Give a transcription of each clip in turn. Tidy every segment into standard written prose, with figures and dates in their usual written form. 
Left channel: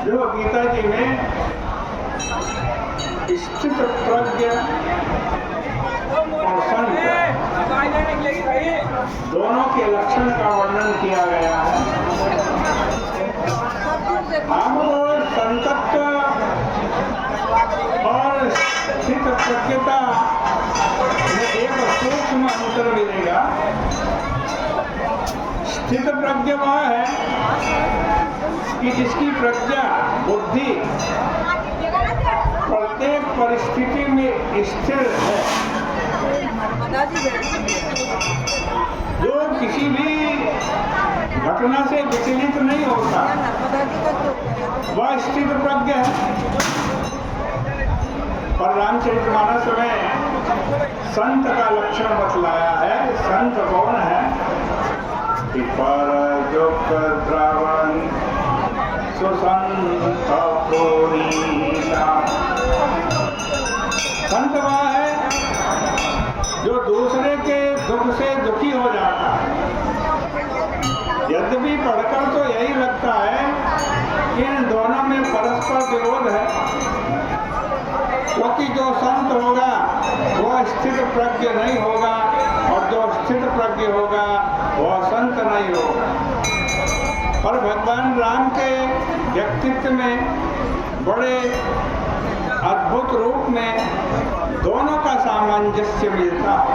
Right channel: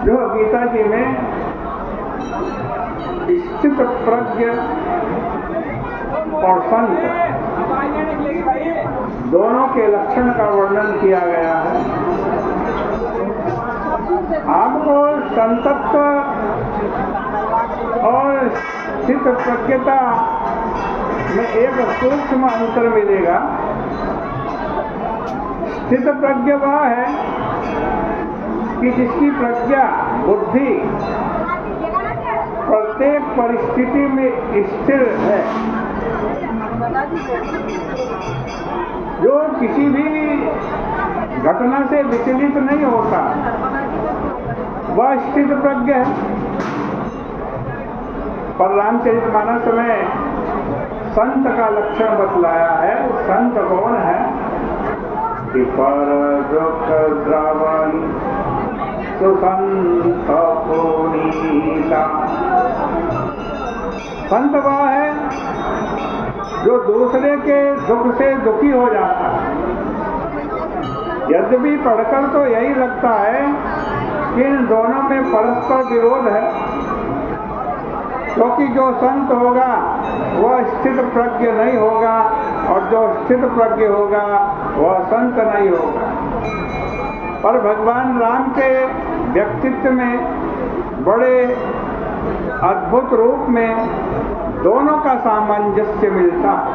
जो गीता जी में स्थित प्रज्ञ और संत दोनों के लक्षण का वर्णन किया गया है। आपको संतत्व और स्थित प्रज्ञता में एक सूक्ष्म अंतर मिलेगा। स्थित प्रज्ञ वह है कि जिसकी प्रज्ञा बुद्धि प्रत्येक परिस्थिति में स्थिर है, जो किसी भी घटना से विचलित नहीं होता, वह स्थित प्रज्ञ है। पर रामचरितमानस में संत का लक्षण बतलाया है। संत कौन है? कि पर दुख द्रवन सुसंत पुनीता। संत वह है जो दूसरे के दुख से दुखी हो जाता है। यद्यपि पढ़कर तो यही लगता है कि इन दोनों में परस्पर विरोध है, क्योंकि जो संत होगा वह स्थित प्रज्ञ नहीं होगा और जो स्थित प्रज्ञ होगा वह संत नहीं होगा। पर भगवान राम के व्यक्तित्व में बड़े अद्भुत रूप में दोनों का सामंजस्य मिलता है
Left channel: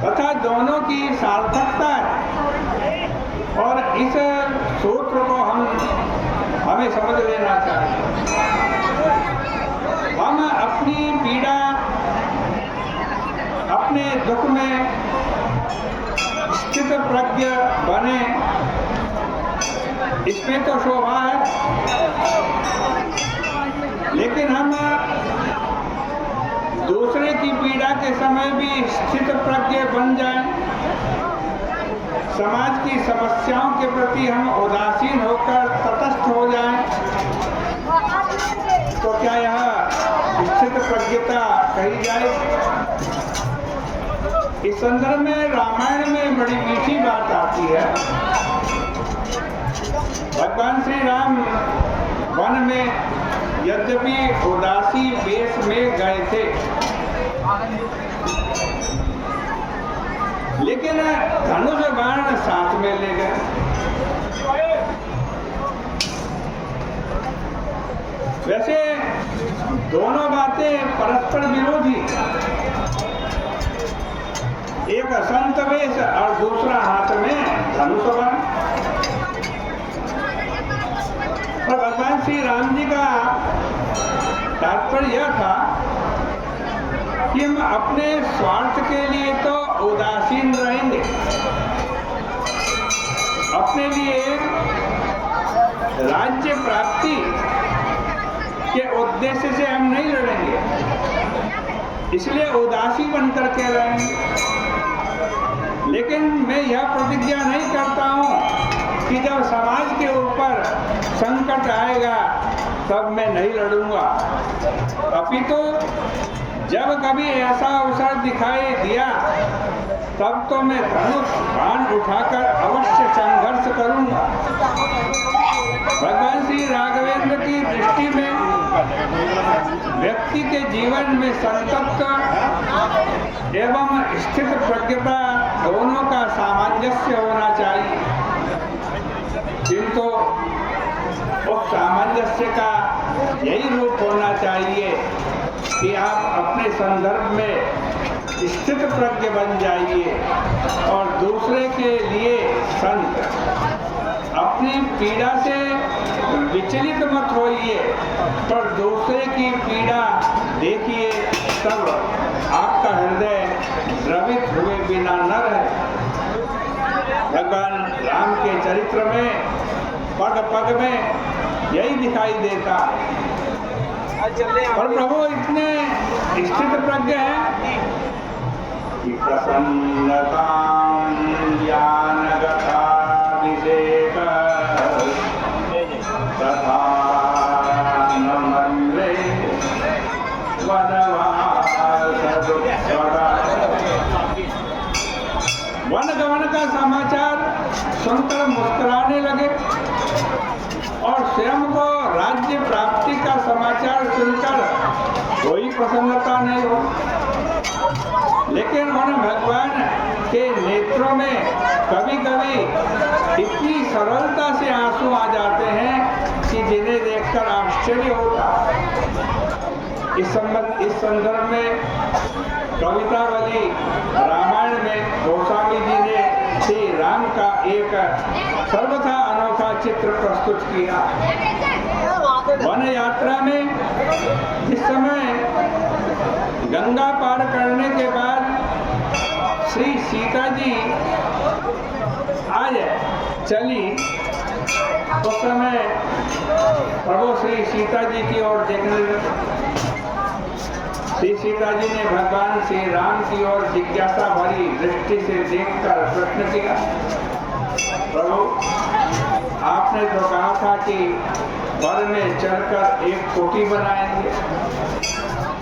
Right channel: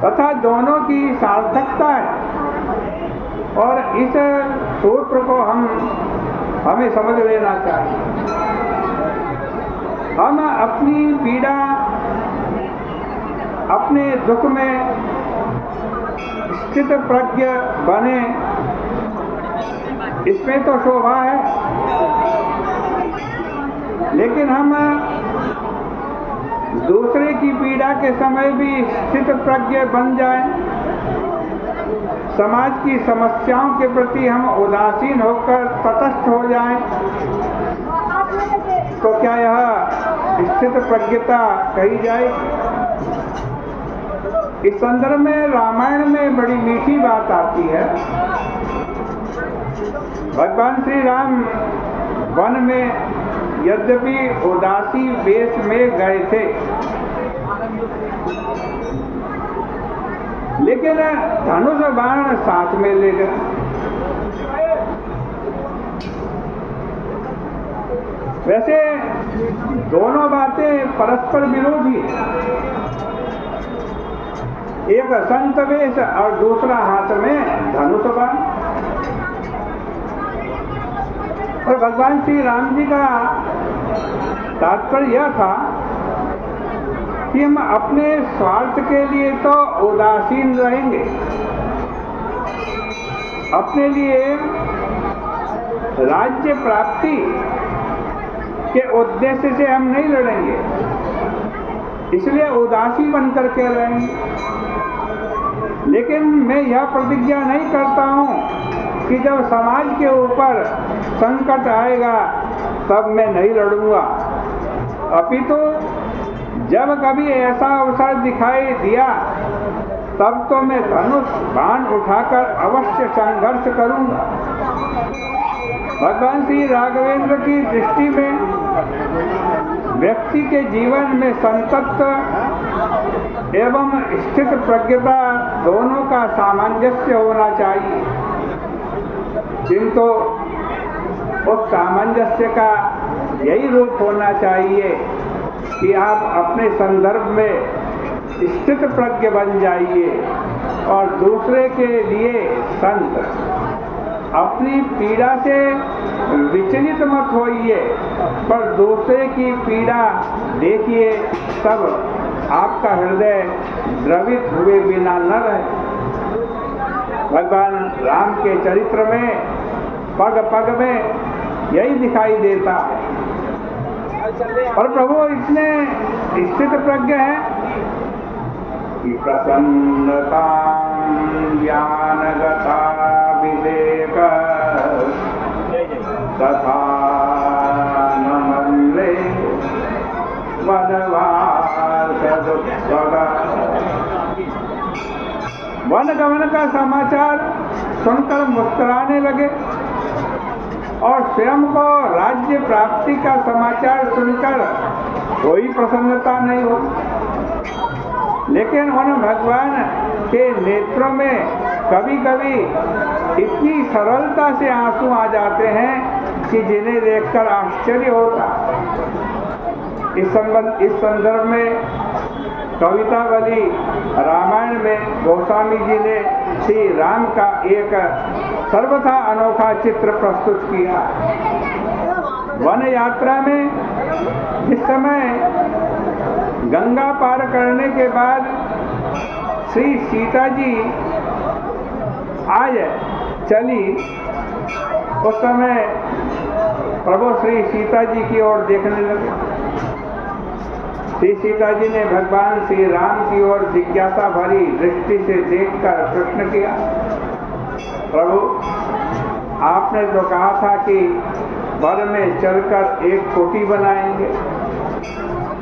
तथा दोनों की सार्थकता है। और इस सूत्र को हमें समझ लेना चाहिए। हम अपनी पीड़ा, अपने दुख में स्थित प्रज्ञ बने, इसमें तो शोभा है। लेकिन हम दूसरे की पीड़ा के समय भी स्थित प्रज्ञ बन जाएं, समाज की समस्याओं के प्रति हम उदासीन होकर तटस्थ हो जाएं, तो क्या यह स्थित प्रज्ञता कही जाए? इस संदर्भ में रामायण में बड़ी मीठी बात आती है। भगवान श्री राम वन में यद्यपि उदासी वेश में गए थे, लेकिन धनुष बाण साथ में ले गए। वैसे दोनों बातें परस्पर विरोधी, एक संत वेश और दूसरा हाथ में धनुष बाण। और भगवान श्री राम जी का तात्पर्य यह था कि हम अपने स्वार्थ के लिए तो उदासीन रहेंगे, अपने लिए राज्य प्राप्ति के उद्देश्य से हम नहीं लड़ेंगे, इसलिए उदासी बनकर के रहेंगे। लेकिन मैं यह प्रतिज्ञा नहीं करता हूँ कि जब समाज के ऊपर संकट आएगा तब मैं नहीं लड़ूंगा, अपितु जब कभी ऐसा अवसर दिखाई दिया तब तो मैं धनुष बाण उठाकर अवश्य संघर्ष करूंगा। भगवान श्री राघवेंद्र की दृष्टि में व्यक्ति के जीवन में संतत्व एवं स्थित प्रज्ञता दोनों का सामंजस्य होना चाहिए, किंतु उस सामंजस्य का यही रूप होना चाहिए कि आप अपने संदर्भ में स्थित प्रज्ञ बन जाइए और दूसरे के लिए संत। अपनी पीड़ा से विचलित मत होइए, पर दूसरे की पीड़ा देखिए, तब आपका हृदय द्रवित हुए बिना न रहे। भगवान राम के चरित्र में पग पग में यही दिखाई देता है। पर प्रभु इतने स्थित प्रज्ञ हैं कि प्रसन्नता ज्ञानगताभिषेक तथा नमल्ले वन गमन का समाचार सुनकर मुस्कुराने लगे। और स्वयं को राज्य प्राप्ति का समाचार सुनकर कोई प्रसन्नता नहीं हो, लेकिन उन भगवान के नेत्रों में कभी कभी इतनी सरलता से आंसू आ जाते हैं कि जिन्हें देखकर आश्चर्य होता। इस संदर्भ में कवितावली रामायण में गोस्वामी जी ने श्री राम का एक सर्वथा अनोखा चित्र प्रस्तुत किया। वन यात्रा में जिस समय गंगा पार करने के बाद श्री सीता जी आज चली, उस समय प्रभु श्री सीता जी की ओर देखने लगे। श्री सीता जी ने भगवान श्री राम की ओर जिज्ञासा भरी दृष्टि से देखकर प्रश्न किया, प्रभु आपने तो कहा था कि वन में चलकर एक कोठी बनाएंगे,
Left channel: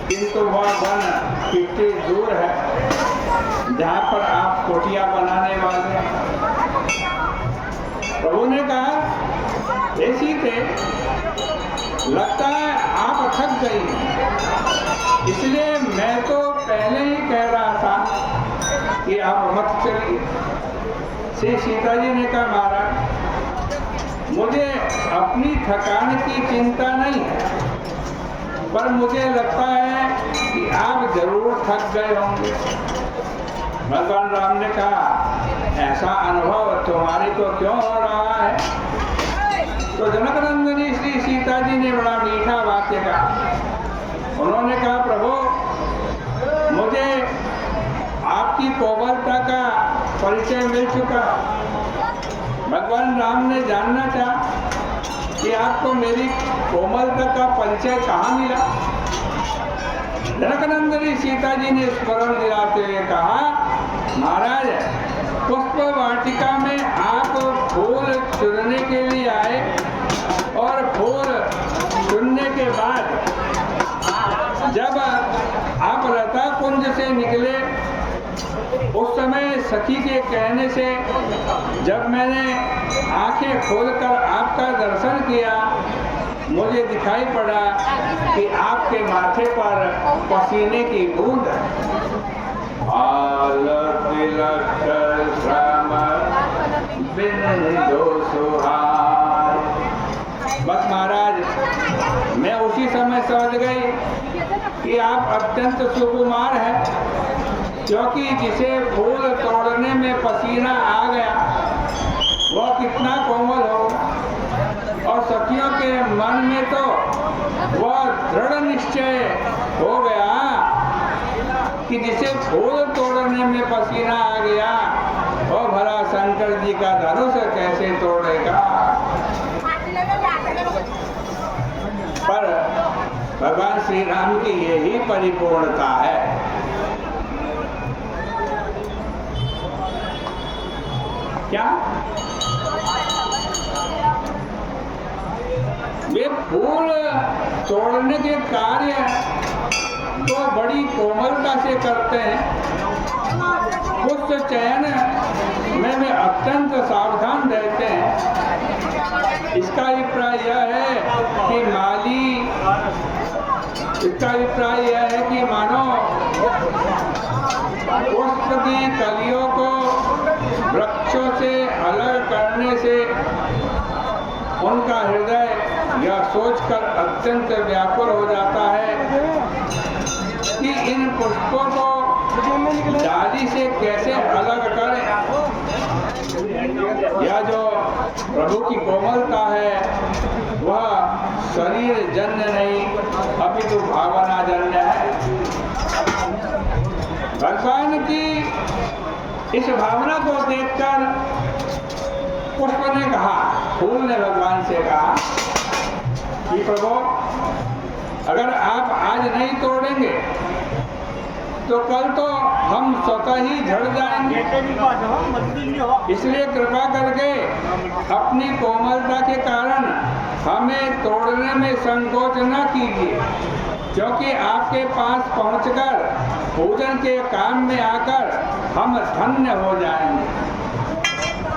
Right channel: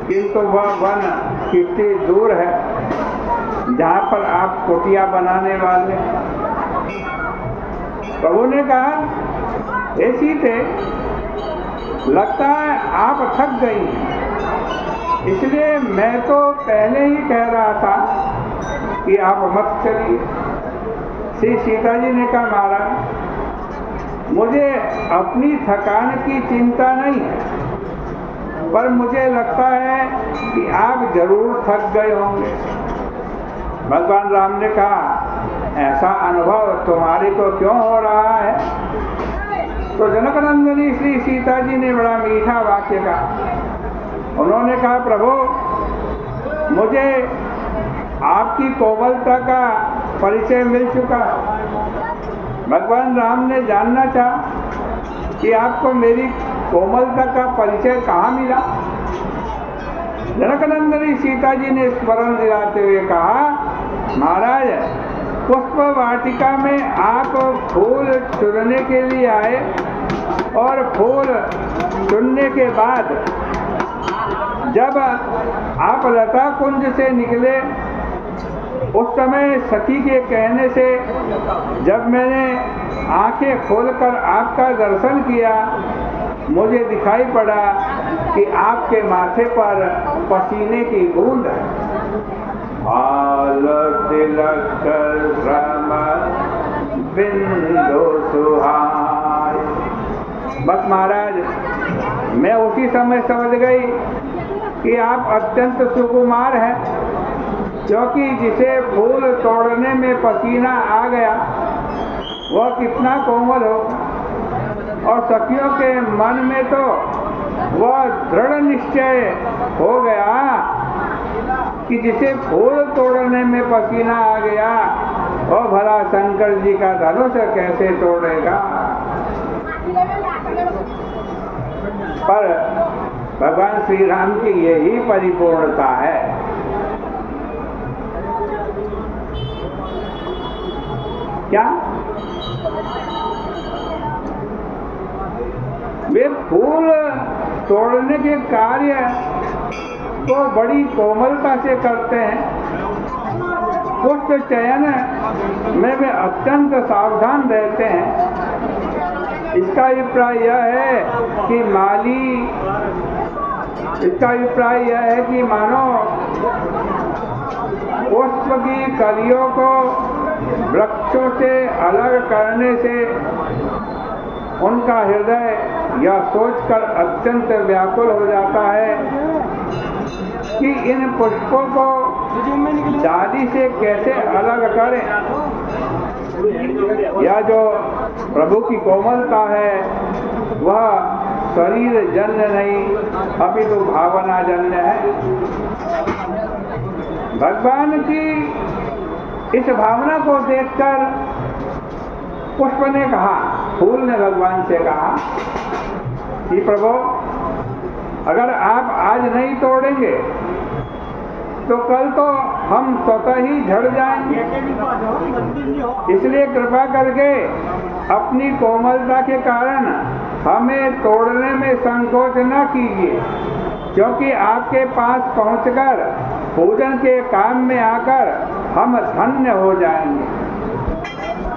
किंतु वह वन कितनी दूर है जहाँ पर आप कोठियाँ बनाने वाले हैं। प्रभु ने कहा, हे सीते, लगता है आप थक गई, इसलिए मैं तो पहले ही कह रहा था कि आप मत चलिए। श्री सीता जी ने कहा, महाराज मुझे अपनी थकान की चिंता नहीं है, पर मुझे लगता है कि आप जरूर थक गए होंगे। भगवान राम ने कहा, ऐसा अनुभव तुम्हारे को क्यों हो रहा है? तो जनकनंदनी श्री सीता जी ने बड़ा मीठा वाक्य कहा। उन्होंने कहा, प्रभु मुझे आपकी कोमलता का परिचय मिल चुका है। भगवान राम ने जानना चाहा कि आपको मेरी कोमलता का परिचय कहाँ मिला। जनकनंदनी सीता जी ने स्मरण दिलाते हुए कहा, महाराज पुष्प वाटिका में आप फूल चुनने के लिए आए और फूल चुनने के बाद जब आप लता कुंज से निकले, उस समय सखी के कहने से जब मैंने आंखें खोलकर आपका दर्शन किया, मुझे दिखाई पड़ा कि आपके माथे पर पसीने की बूंद है। बस महाराज मैं उसी समय समझ गई कि आप अत्यंत सुकुमार हैं, क्योंकि जिसे फूल तोड़ने में पसीना आ गया वह कितना कोमल हो, और सखियों के मन में तो वह दृढ़ निश्चय हो गया कि जिसे फूल तोड़ने में पसीना आ गया वह भला शंकर जी का धनुष कैसे तोड़ेगा। पर भगवान श्री राम की यही परिपूर्णता है। क्या वे फूल तोड़ने के कार्य तो बड़ी कोमलता से करते हैं, पुष्प चयन में वे अत्यंत सावधान रहते हैं। इसका अभिप्राय यह है कि मानो पुष्प की कलियों को वृक्षों से अलग करने से उनका हृदय यह सोचकर अत्यंत व्याकुल हो जाता है कि इन पुष्पों को डाली से कैसे अलग करें। यह जो प्रभु की कोमलता है वह शरीर जन्य नहीं अपितु भावना जन्य है। भगवान की इस भावना को देखकर पुष्प ने कहा, फूल ने भगवान से कहा कि प्रभु अगर आप आज नहीं तोड़ेंगे तो कल तो हम स्वतः ही झड़ जाएंगे, इसलिए कृपा करके अपनी कोमलता के कारण हमें तोड़ने में संकोच न कीजिए, क्योंकि आपके पास पहुंचकर पूजन के काम में आकर हम धन्य हो जाएंगे।